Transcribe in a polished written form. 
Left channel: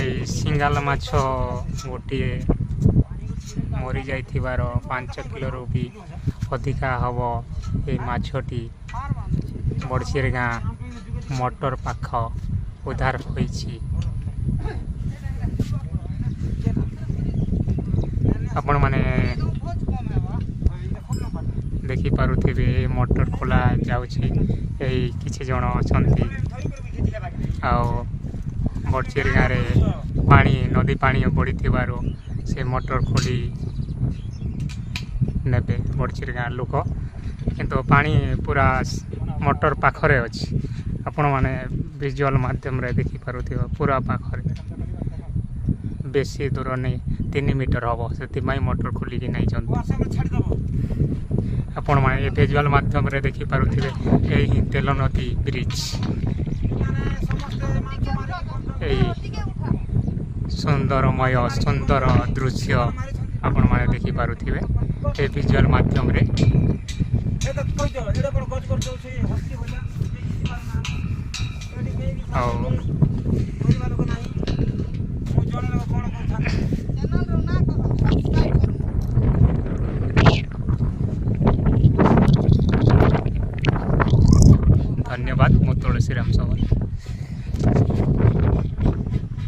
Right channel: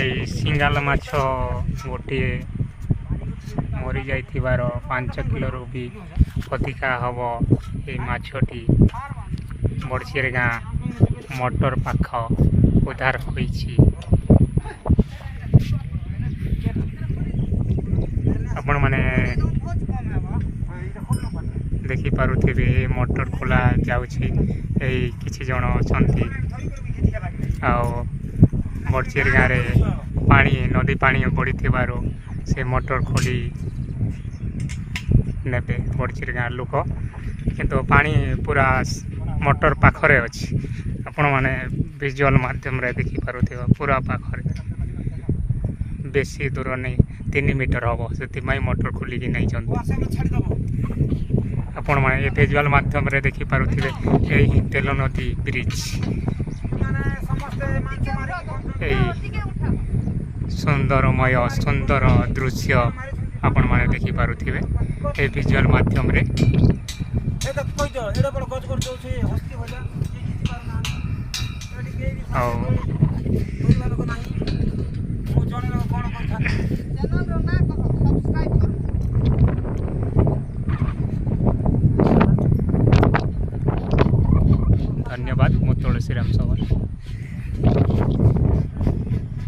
এই ସିଙ୍ଗାଲ ମାଛ ଗୋଟିଏ ମରିଯାଇଥିବାର 5 କିଲୋରୁ ବି ଅଧିକା ହେବ এই ମାଛଟି ବଡ଼ଚିରଗାଁ ମଟର ପାଖ ଉଦ୍ଧାର ହୋଇଛି। ଆପଣମାନେ ଦେଖିପାରୁଥିବେ ମଟର ଖୋଲା ଯାଉଛି। ଏଇ କିଛି ଜଣ ଅଛନ୍ତି ଆଉ ବଡ଼ଚିରଗାଁରେ ପାଣି ନଦୀ ପାଣି ବଢ଼ିଥିବାରୁ ସେ ମଟର ଖୋଲି ନେବେ ବଡ଼ଚିରଗାଁ ଲୋକ, କିନ୍ତୁ ପାଣି ପୁରା ମଟର ପାଖରେ ଅଛି। ଆପଣମାନେ ଭିଜୁଆଲ ମାଧ୍ୟମରେ ଦେଖିପାରୁଥିବେ ପୁରା ପାଖରେ, ବେଶୀ ଦୂର ନେଇ 3 ମିଟର ହେବ, ସେଥିପାଇଁ ମଟର ଖୋଲିକି ନେଇଛନ୍ତି। ଆପଣମାନେ ଏ ଭିଜୁଆଲ ମାଧ୍ୟମରେ ଦେଖିପାରୁଥିବେ ଏହି ତେଲ ନଦୀ ବ୍ରିଜ, ଏହି ସୁନ୍ଦର ଦୃଶ୍ୟ ଆପଣମାନେ ଦେଖିପାରୁଥିବେ ଏ ଭିଜୁଆଲ ମାଧ୍ୟମରେ। ଆଉ ଧନ୍ୟବାଦ। ମୁଁ ତୁଳସୀରାମ ସାମଲ।